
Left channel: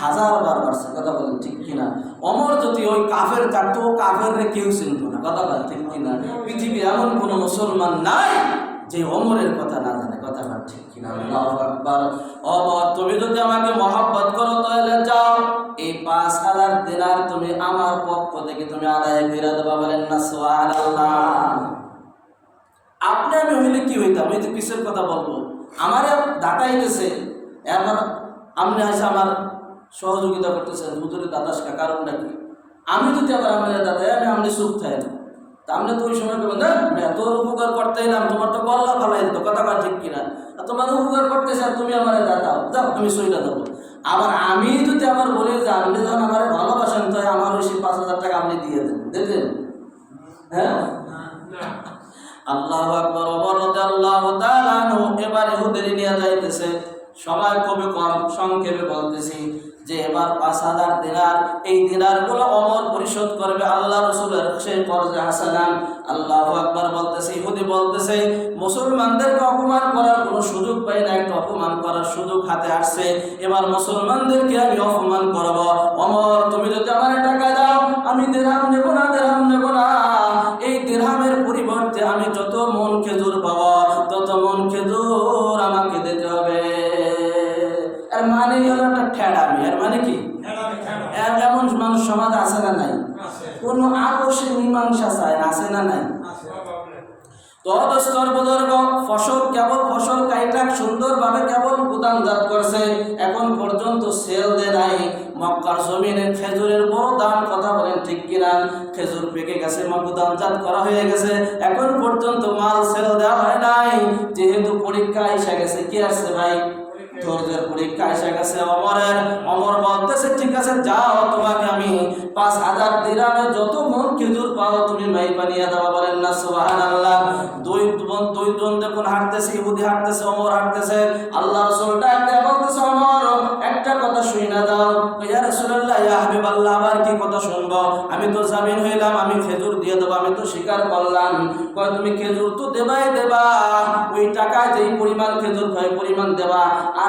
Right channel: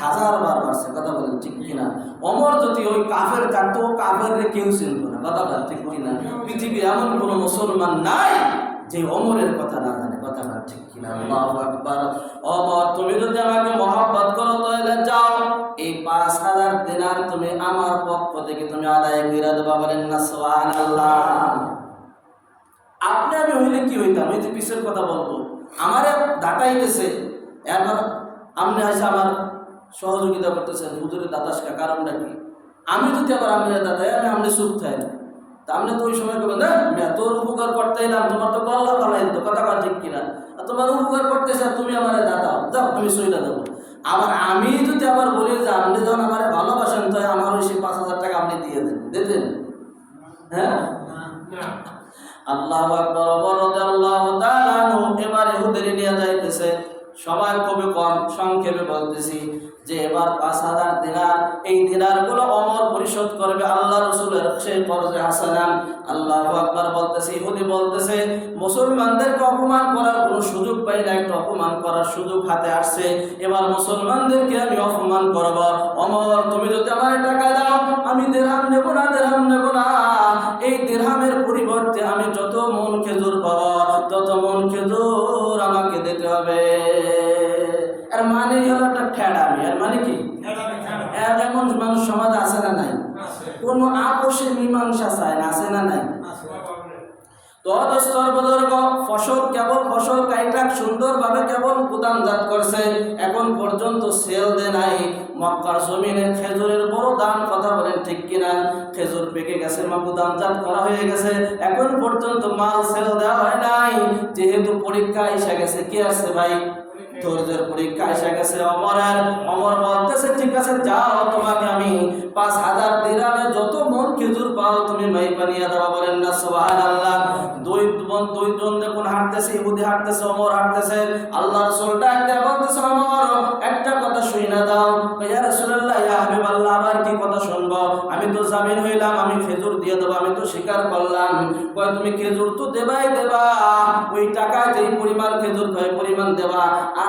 1000 বার বাড়ছে। কথা বলেন ঠিক কিনা? ওমর যদি ওই কাফের থাকতো, কাফের কেউ চিনত না। কথা বলেন ঠিক কিনা? পৃথিবীর এমন কোনো মুসলমান নাই যে ওমরের কথা না জানে। কথা বলেন ঠিক কিনা? আল্লাহু আকবার। ওমর তুমি যদি আমাকে মহব্বত করো তাহলে যাও, এই 5000 দিনার তুমি আমার পক্ষ থেকে তুমি আদায় করে দেবা। বলেন না সুবহানাল্লাহ। আপনি আমি হইলে কি হইতাম? এই যে পিছের কথা বলবো, আমারে দাঁতাইতেছে, এরপর আপনি আসে আমার সহযোগিতা করতেছেন, হুজুরের দাতাসকা, কারণটা কি? আমি যদি আবার আপনি দাদাই আমি আপনি চুপ থাই, তা আপনি তো ওই সময় করবেন না তোর উপকার করতে এলাম, তোমার তো গল্লা ফালাই দিত, কথা কয় ঠিক কিনা, আর তোমার উপকার করতেছে আর তুমি আমার দাদাও, যাও তুমি সইটা দেবো। আবার আমি যদি আবার বলি যে আপনি যখন আমার ভালোবাসেন তো আমার ওই 5,000 টাকা আপনি দিয়ে দেন, দেবেন? হ্যাঁ, আল্লাহু আকবার। ওমর রাদিয়াল্লাহু তাআলা আনহু এবার ইহুদের নিয়ে যাইতেছে, সময় খুবই কম, সংক্ষেপে বলতেছি যে এবার 5,000 দিনার, এই দিনারগুলো ওমর পরিশোধ করবে আল্লাহ রাসূলের সেই কর্জে হাসানান। আল্লাহু আকবার বলতেছে, ইহুদি বলতেছে মুসলমানদেরকে অপমান করার কোনো সুযোগ পাই না, একটা অপমান করার সুযোগ হাতে আসছে, এবার মুসলমানদেরকে আমি অপমান করব। ওমর তুমি যদি আমার টাকা দাও আমি দিরহাম নেব না, দিরহাম নেব না, এই দিরহামের পরিবর্তে আমি যত মন খেজুর পাবো তত মন খেজুর আমাকে দিতে হবে। এর মানে হলো একটা ঠেড়ামি। এর মানে কি? এমন মানুষ সমাজ আছে না নাই? কোনো আপোষে মীমাংসা চায় না, আছে না নাই? ফসল কেবল ফসল কাইটা সুন্দরভাবে কেবল গুদামজাত করছে, এখন পর্যন্ত সেল দেয় নাই। মক্কার জমিনে খেজুরের বড় দাম, কথা বলেন ঠিক কিনা? খেজুর পেকে গেছে, গুদামজাত করা হয়ে গেছে, এখন পর্যন্ত মাল সেল দেওয়া হয় নাই। যেহেতু পরীক্ষা এসে গেছে, কি আসছে ভাই? ধৈর্যের পরীক্ষা এসে গেছে অমরের। অমর বলতেছে ঠিক আছে যাও, তোমাকে আমি 5,000 দিরহামে যত মন খেজুর পাও তুমি মাইপা নিয়ে দেওয়া। বলেন না সুবহানাল্লাহ। দুই জন দেখুন হাঁটতেছে, ইহুদি হাঁটতেছে, ওমর হাঁটতেছে। আল্লাহ রাসূল ডাক দিয়ে বলতেছে ওমর একটা কথা শুই না দাও। ইয়া রাসূলুল্লাহ ইয়া হাবিবাল্লাহ, আবার কি কথা শুনবো? আমি তো জামিন হইলাম, আমি খেজুর দিয়ে দেবো, আমি তো স্বীকার করলাম। কয় তুমি খেজুর তো দেবাই দেবা, ওই টাকায় যেই পরিমাণ খেজুর হয় পরিমাণ দেবা, আর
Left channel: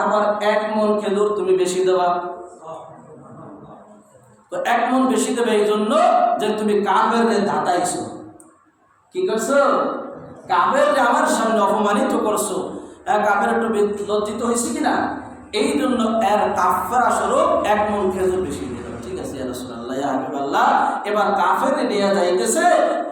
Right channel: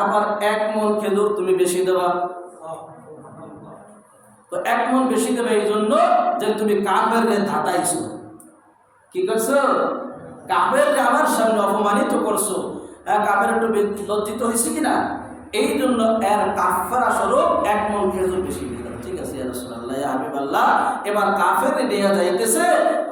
1 মন খেজুর তুমি বেশি দেবা। তো 1 মন বেশি দেবে এই জন্য যে তুমি কাফেরকে ধাতাইছো। কি করছো? কাফেরকে আমার সামনে অপমানিত করছো। কাফের একটু লজ্জিত হয়েছে কিনা? এই জন্য এর কাফারা স্বরূপ 1 মন খেজুর বেশি দিয়ে দাও। ঠিক আছে ইয়া রাসূলুল্লাহ ইয়া হাবিবাল্লাহ। এবার কাফের নিয়ে যাইতেছে,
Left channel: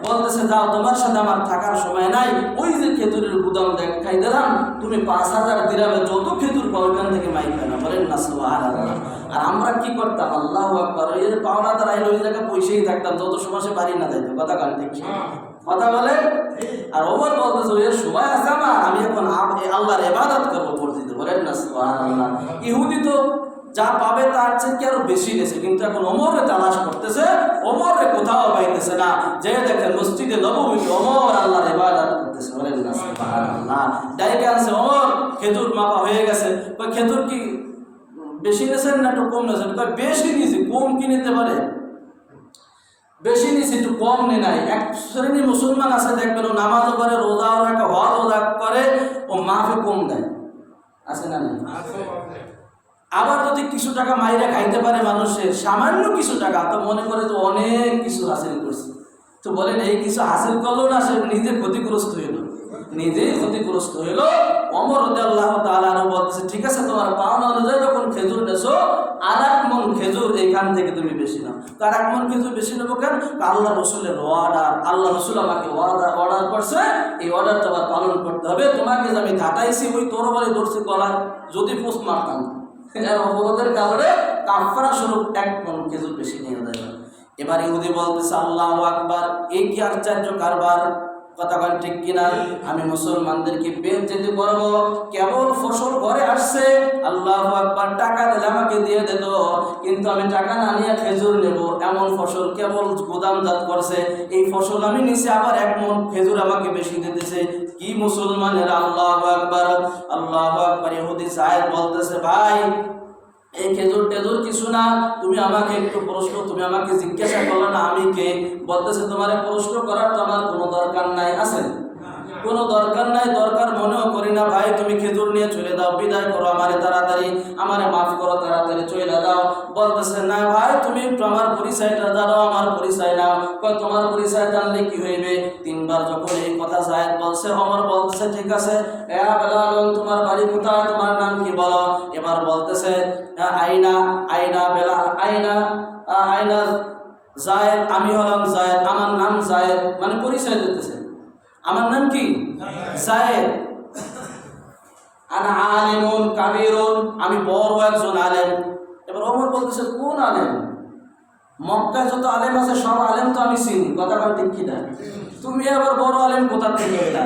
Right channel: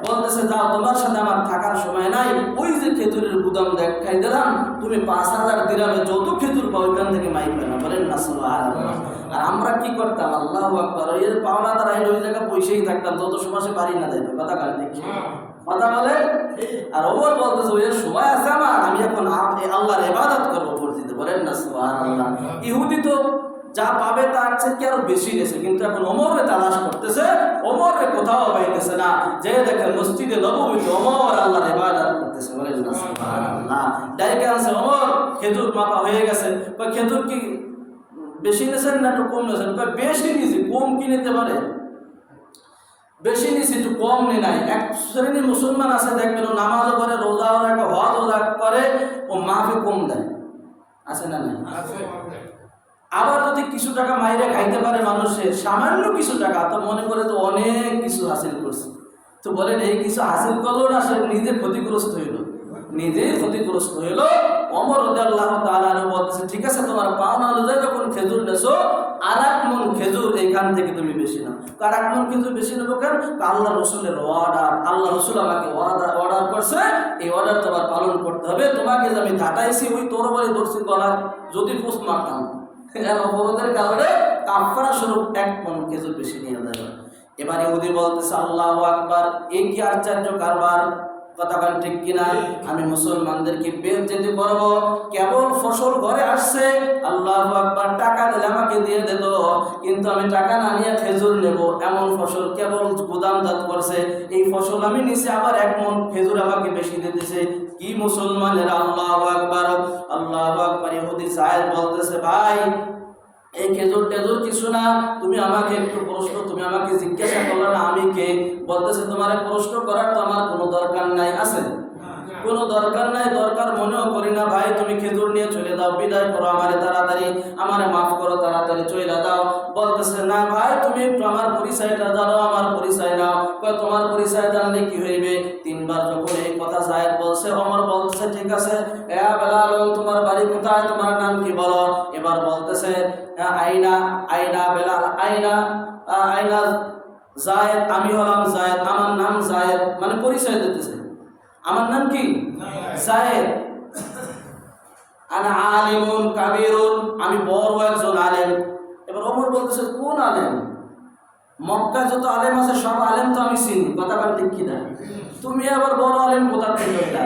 বলতেছে যাও তোমার সাথে আমার থাকার সময় নাই, ওই যে খেজুরের গুদাম দেখাই দিলাম, তুমি 5,000 দিরহামে যত খেজুর পাও ওইখান থেকে মাইপা না। বলেন না সুবহানাল্লাহ। আর আমরা কি করতাম? আল্লাহু আকবার, এর পাওনাদার আইলে ওই জায়গায় পয়সাই থাকতাম, যত সময় সে বাড়ি না যাইতো। কথা কান দেখি, কথা বলে। আর ওমর বলতেছে ওই সময় আছে আমার, আমি এখন আল্লাহর ইবাদত করবো মসজিদে। বলেন না সুবহানাল্লাহ। ইহুদি তো যা পাবে তার চেয়ে কি আরো বেশি গেছে, কিন্তু এখন ওমরে তালাশ করতেছে, ওমরে কোথাও পাইতেছে না। যে দেখেন মসজিদে নববীতে ওমর আল্লাহর ইবাদত করতেছে। বলেন না সুবহানাল্লাহ। ডাইকে আনছে ওমর, খেজুর মাপা হয়ে গেছে। কই খেজুর কি বেশি নিয়েছেন না একটু কম নিয়েছেন? কই বেশি নিয়েছি, কম কি নিতে পারে? বেশি নিয়েছি, একটু কম নেই নাই। এক শ্রেণী মুসলমান আছে দেখবেন ও নামাজও করে, রোজাও রাখে, হজও করে, ও মাফে কম দেয়, আছে না নাই? আবার যদি কিছু টাকা মাইরে খাইতে পারে মানুষের, সামান্য কিছু টাকা, তো মনে করে তো অনেক কিছু হাসিল করছে। তো বলেন এই কিছু হাসিল করলো না, সে নিজে ক্ষতিগ্রস্ত হইল, নিজেই ক্ষতিগ্রস্ত হইল। ওমর রাদিয়াল্লাহু তাআলা আনহু বলতেছে ঠিক আছে তোমার পাওনা অনুযায়ী যখন খেজুর নেছো, 1 মণ খেজুর এখান থেকে তুমি বেশি নাও। তো 1 মণ খেজুর বেশি নেবো কেন? আল্লাহ রসুলের অর্ডার, আল্লাহ রসুল আমাকে অর্ডার করছে, এই অর্ডার তোমার পালন করতে হবে। তোমাকে যে আমি ধাতাইছি ওই তরবারি ধরছি গলায়, যদি পোষ মারতাম অপরাধের কারণে কাফারা স্বরূপ 1 মণ খেজুর বেশি নিয়ে যাবে। এবার ইহুদি বলতেছে আল্লাহু আকবার, এই কি আশ্চর্য কারবার? কথা বলেন ঠিক কিনা? আমি মুসলমানদেরকে বেইজ্জতি করব, কেবল ফসল ঘরে আসছে, আল্লাহু আকবার, টাকা দিলে আমাকে দিয়ে দিত, কিন্তু আমি টাকা না নিয়ে খেজুর নেব, এমন ফসল কেবল গুদামজাত করছে, এই ফসল আমি নিছি, আবার 1 মণ খেজুর আমাকে বেশি দিতেছে। কি মুসলমানের! আল্লাহু আকবার, আল্লাহু আকবার। ইহুদি সাহেব বলতেছে ভাই এই খেজুর টেজুর কিছু না, তুমি আমাকে একটু প্রশ্ন, তুমি আমাকে জিজ্ঞাসা করলে না আমি কে? বলতেছে তোমার প্রশ্ন করার তো আমার কোনো দরকার নাই, আছে কোনো দরকার নাই, দরকার মনেও করি না ভাই, তুমি খেজুর নিয়ে চলে দাও, বিদায় করো আমারে তাড়াতাড়ি, আমারে মাফ করো, তাড়াতাড়ি চলে দাও। বলতেছে না ভাই তুমি একটু আমার পরিচয়টা জানো, আমার পরিচয় নাও। কয় তোমার পরিচয় জানলে কি হইবে? 3 বার যখন এই কথা সাহেব বলছে, ওমর বলতেছে ঠিক আছে, বেলাল তোমার বাড়ি কোথায়, তোমার নাম কি বলো? এবার বলতেছে আইনা, আইনা বেলাল, আইনা, আইনা জায়েদ, আমি হলাম জায়েদ, আমার নাম জায়েদ, মানে পরিচয় দিতেছে, আমার নাম কি? জায়েদ। আনা আলিমুন কাবীরুন, আমি বড় একজন আলেম। এবার ওমর বলতেছে কোন আলেম? মক্কায় যত আলেম আছে সব আলেম তো আমি চিনি, কথা কার ঠিক কিনা? তুমি আবার বড় আলেম কোথা থেকে এটা?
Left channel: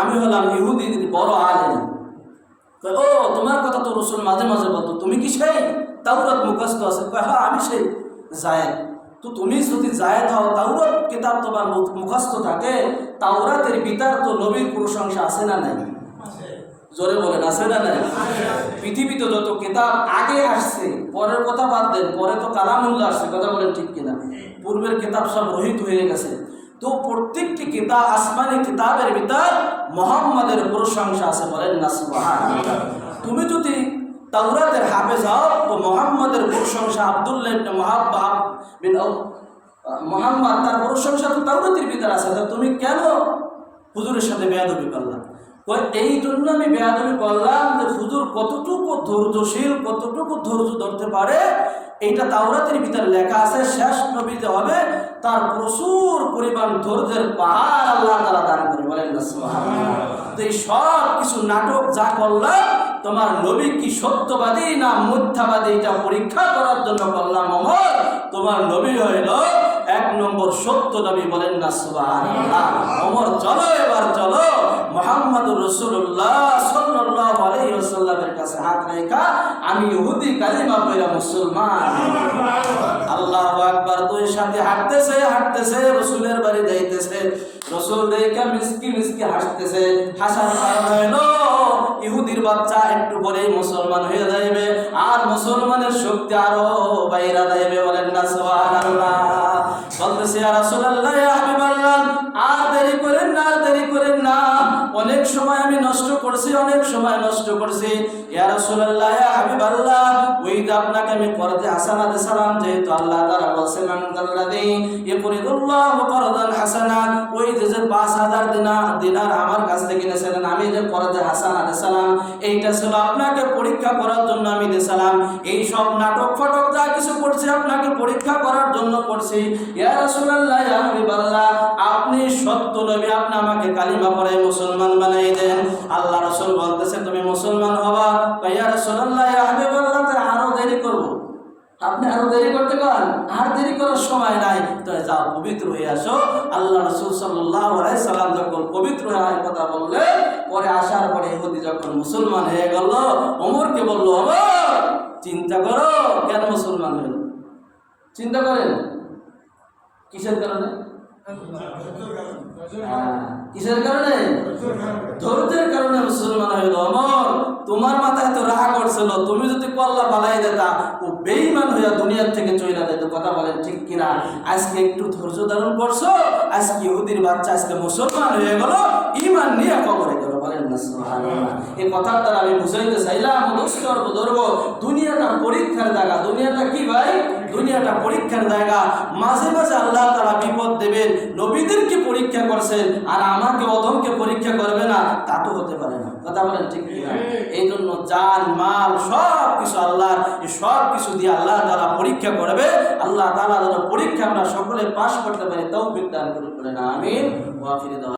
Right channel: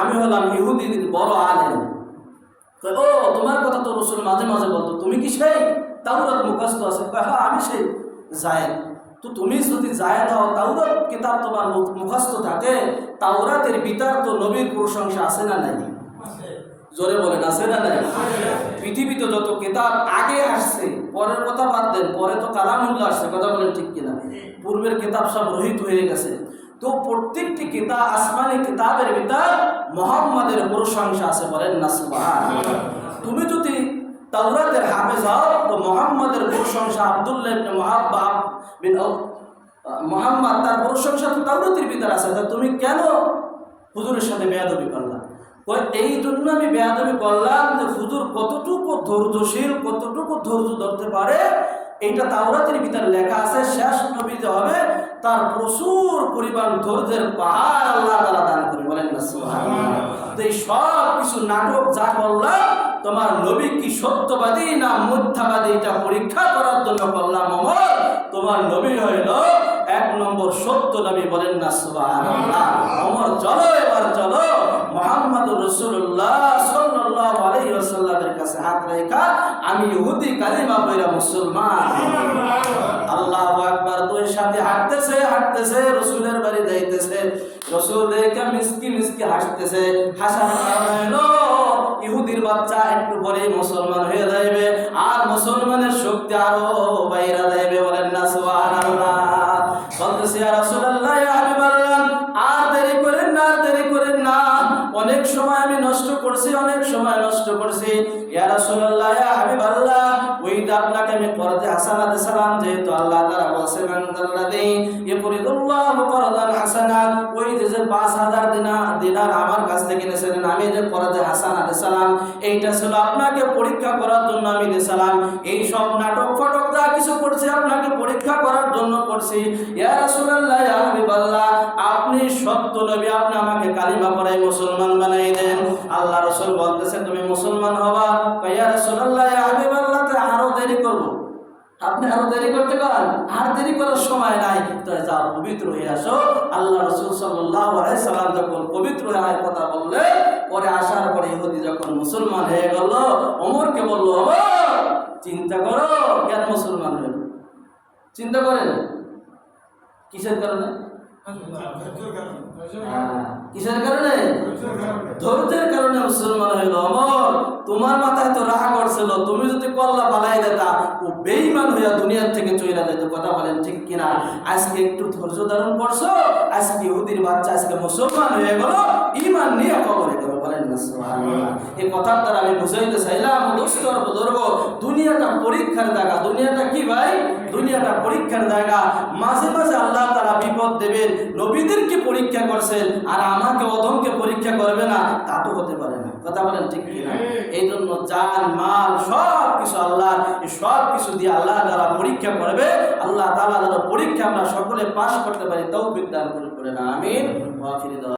আমি হলাম ইহুদির বড় আলেম। ও তোমার কথা তো রসুল মাঝে মাঝে বলতো, তুমি কি সেই তাওরাত মুখস্থ আছে? হ্যাঁ আমি সেই জায়েদ। তো তুমি যদি জায়েদ হও, তাওরাত কিতাব তোমার মুখস্থ থাকে, তাওরাতের ভিতর তো নবীর প্রশংসা আছে না নাই? জোরে বলেন আছে না নাই? পৃথিবীতে যত কিতাব আগে আসছে, পরের কথা বাদ দেন, পরে তো কালামুল্লাহ আসছে, কথা বলেন ঠিক কিনা? পূর্বের কিতাব সব রহিত হয়ে গেছে। তো প্রত্যেকটি কিতাব, আসমানি কিতাবের ভিতর মুহাম্মাদের প্রশংসা আছে, বলেন না সুবহানাল্লাহ। তুমি যদি তাওরাতের হাফেজ হও, তো মুহাম্মাদের প্রশংসা, আব্দুল্লাহ ইবনে মুহাম্মদ তার প্রশংসা তো তাওরাতের ভিতর আছে, তা তুমি কেন হুজুরের সাথে বেয়াদবি করলা? এই জন্য আমি বেয়াদবি করলাম যে হুজুর কতটুকু ধৈর্যশীল, কতটুকু ধৈর্য ধরতে পারে, এইটা তাওরাতের ভিতরে লেখা আছে। শেষ নবী যে হবে, তার প্রচুর পরিমাণ ধৈর্যের পাহাড় আল্লাহ তাআলা দান করে, বলেন না সুবহানাল্লাহ। তো এই সব কিছু নাটক যা করলাম, তোমার নবী কি সত্যবাদী না মিথ্যাবাদী, এটা পরীক্ষা করার জন্য করলাম। ওমর, তোমার নবী হইল 1 নম্বর সত্য নবী, বলেন না সুবহানাল্লাহ। ওমর চলো, এবার চলো মুহাম্মদুর রাসূলুল্লাহ সাল্লাল্লাহু আলাইহি ওয়াসাল্লামের কাছে হাত রেখা আমি ইহুদি কালিমা পড়া মুসলমান। আল্লাহু আকবার। দুই সাথে হাঁটতেছে রাসূলের বাড়ি যাইতেছে। রাসূল দেখে মিসকি মিসকি হাসতেছে। হাসার হলো ইহুদির বাচ্চা একটু পরে মুসলমান হয়ে যাইবে, আর মুসলমানের শক্তি আরো বাইরা যাইবে, বলেন না সুবহানাল্লাহ। বলতেছে ইয়া রাসূলুল্লাহ, ইয়া হাবিবাল্লাহ, আর দেরি করেন না, আর দেরি করেন না, অনেক সময় আমি নষ্ট করছি, অনেক সময় নষ্ট করছি। ইয়া রাসূলুল্লাহ, ইয়া হাবিবাল্লাহ, ওই যে আপনাকে আমি করজে হাসানা দিয়েছিলাম, যেহেতু আল্লাহ তাআলা বলেছেন আনজাল্লাযী ইউরিদুল্লাহু করদান হাসানা, ওই যে 5000 দিনার আমার কাছ থেকে নিয়েছিলেন, আমি যে করজে হাসানা দিয়েছিলাম, এইটা ছিল আপনাকে পরীক্ষা করার জন্য আমি দিয়েছিলাম। এই সব নাটক ফটক যা কিছু করছি আপনাকে পরীক্ষা করার জন্য করছি। ইয়া রাসূলুল্লাহ, ইয়া হাবিবাল্লাহ, আপনি সত্য নবী, আপনি আমাকে কালিমা পড়াই মুসলমান বানাই দেন। আল্লাহ রাসূল বলতেছে তুমি মুসলমান হবা। ইয়া রাসূলুল্লাহ, ইয়া হাবিবাল্লাহ, আরো দেরি করব? আপনি আরো দেরি করতে পারেন? আর দেরি করার সময় নাই, তো যাও পবিত্র হয়ে আসো। আল্লাহ রাসূল সাল্লাল্লাহু আলাইহি সাল্লাম যখন পবিত্র হওয়ার কথা বললে, পরে আসার পরে ইহুদি যখন মুসলমান হয়ে গেল, ওমরকে বলল, ওমর চিন্তা করো, কেন মুসলমান হইল? চিন্তা করেন কিসের কারণে? কিসের কারণে? ধৈর্যের কারণে মুসলমান হইল। ওমর, তোমার মাথায় তো রাগ করছিল, তুমি যদি কল্লা পালাই দিতা, ও বেঈমান হইয়া দুনিয়ার থেকে চলে যেত, কথা বলেন ঠিক কিনা? আজকে একটু ধৈর্য ধারণ করছো, আজকে ইহুদির বাচ্চা আজকে মুসলমান হয়ে গেল, ঈমান নিয়ে কবরে গেল, বলেন না সুবহানাল্লাহ। এই কথার দ্বারা আমি বুঝাইতে চাইলাম, দোস্ত আর বুজুর্গ, দুনিয়াটা পরীক্ষার জায়গা। দুনিয়াটা কি ভাই? দুনিয়াটা পরীক্ষার জায়গা। মাঝে মাঝে আল্লাহ তাআলা বিপদ দেবেন। নবীদেরকে পরীক্ষা করছেন, আর আমাকে অধমকে পরীক্ষা করবে না, তা তো হতে পারে না, কথা বলেন ঠিক কিনা? এই জন্য জান মাল সব কিছু আল্লাহর, এই সব কিছু দিয়ে আল্লাহ তাআলা পরীক্ষা করবে। আল্লাহ তাআলা যেন পরীক্ষা আমরা সকলে পাশ করতে পারি, তৌফিক দান করুন, আমিন। ওয়া আখিরু